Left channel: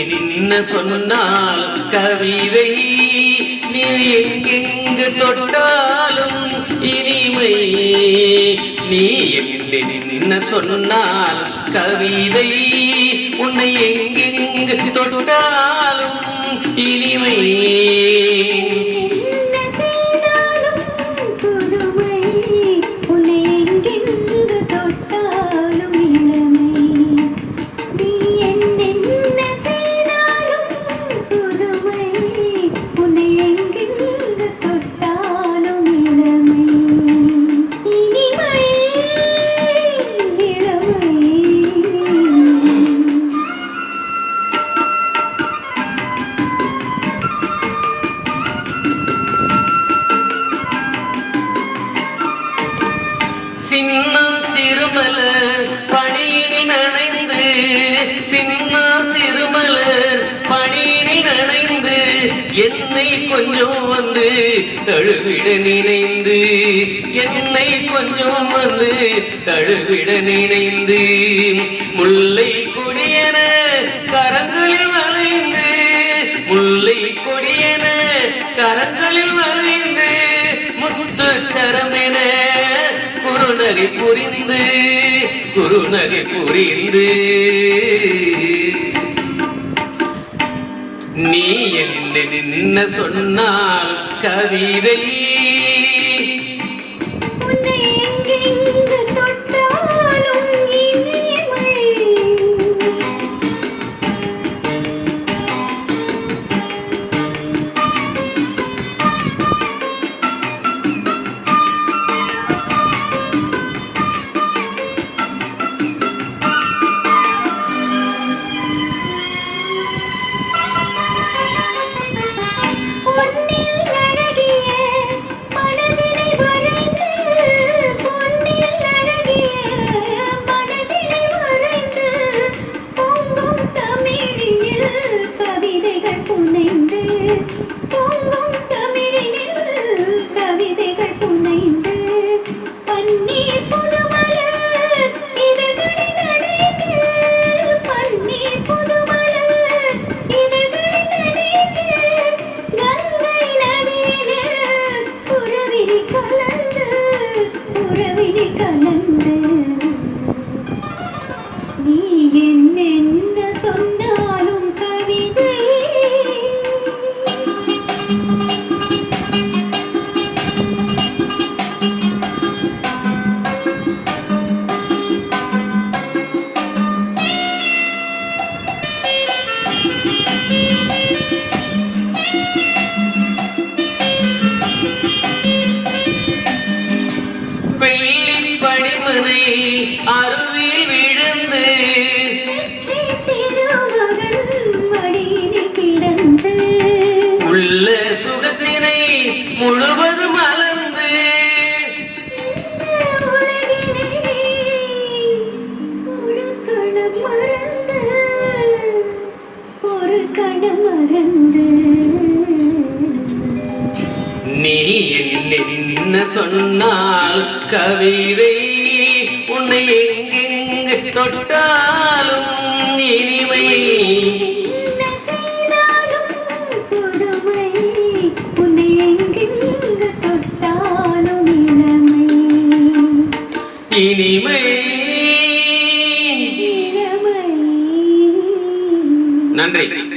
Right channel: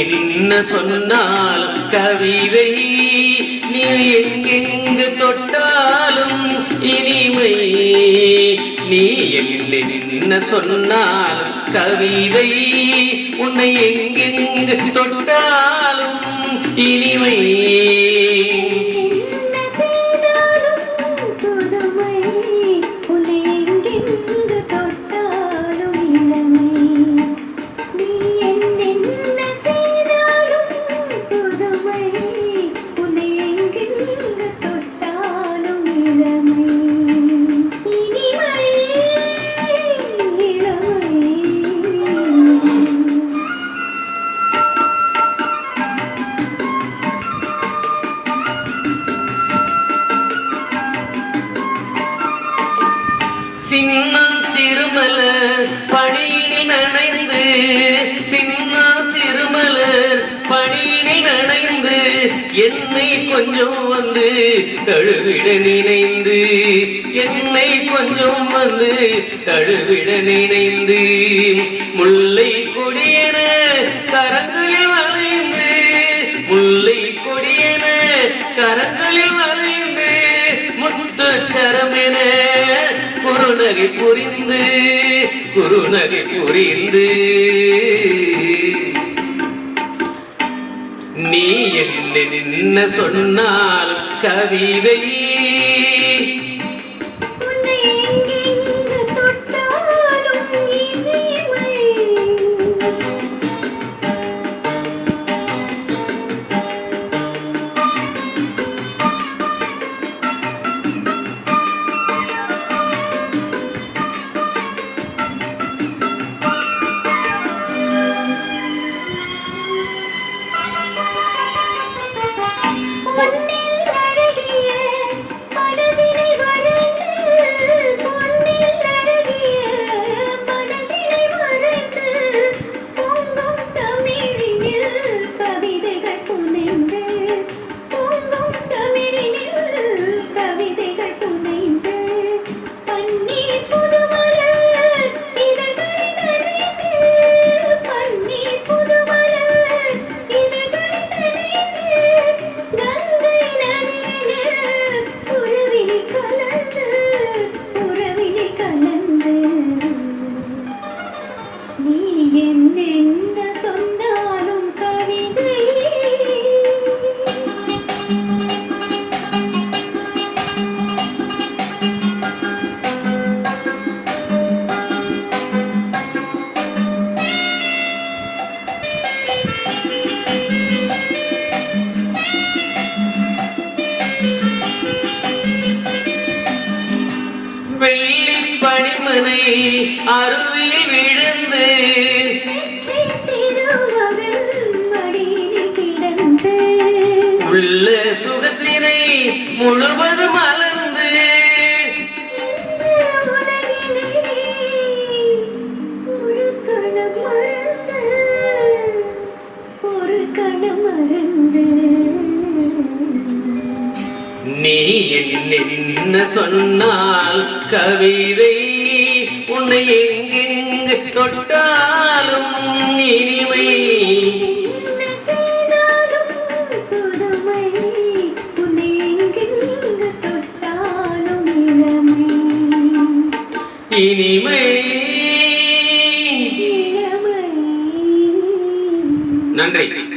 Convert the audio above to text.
என்ன சொன்னாலும் கவிதை, நீ எங்கெங்கு தொட்டாலும் இனிமை. நீ என்ன சொன்னாலும் கவிதை, உன்னை எங்கெங்கு தொட்டாலும் இனிமை. சின்னம் சிறுமலர் பணியினில் நனைந்து, சின்ன சிறுமலர் பணியினில் நனைந்து, என்னை கொஞ்சம் வந்து தழுவிட நினைந்து, என்னை கொஞ்சம் வந்து தழுவிட நினைந்து, முல்லை கொடியன கரங்களில் வளைந்து, முல்லை கொடியன கரங்களில் வளைந்து, முத்து சரமென குறுநகை புரிந்து, குறுநகை புரிந்து, நீ என்ன சொன்னால் கவிதை, பணிமனை அருவியில் விழுந்து, உள்ள சுகத்தினை முழுவதும் மலர்ந்து, ஒரு கணம் மறந்து, நீ என்ன சொன்னால் கவிதை, உன்னை எங்கெங்கு தொட்டாலும் இனிமை. இனிமை. நன்றி.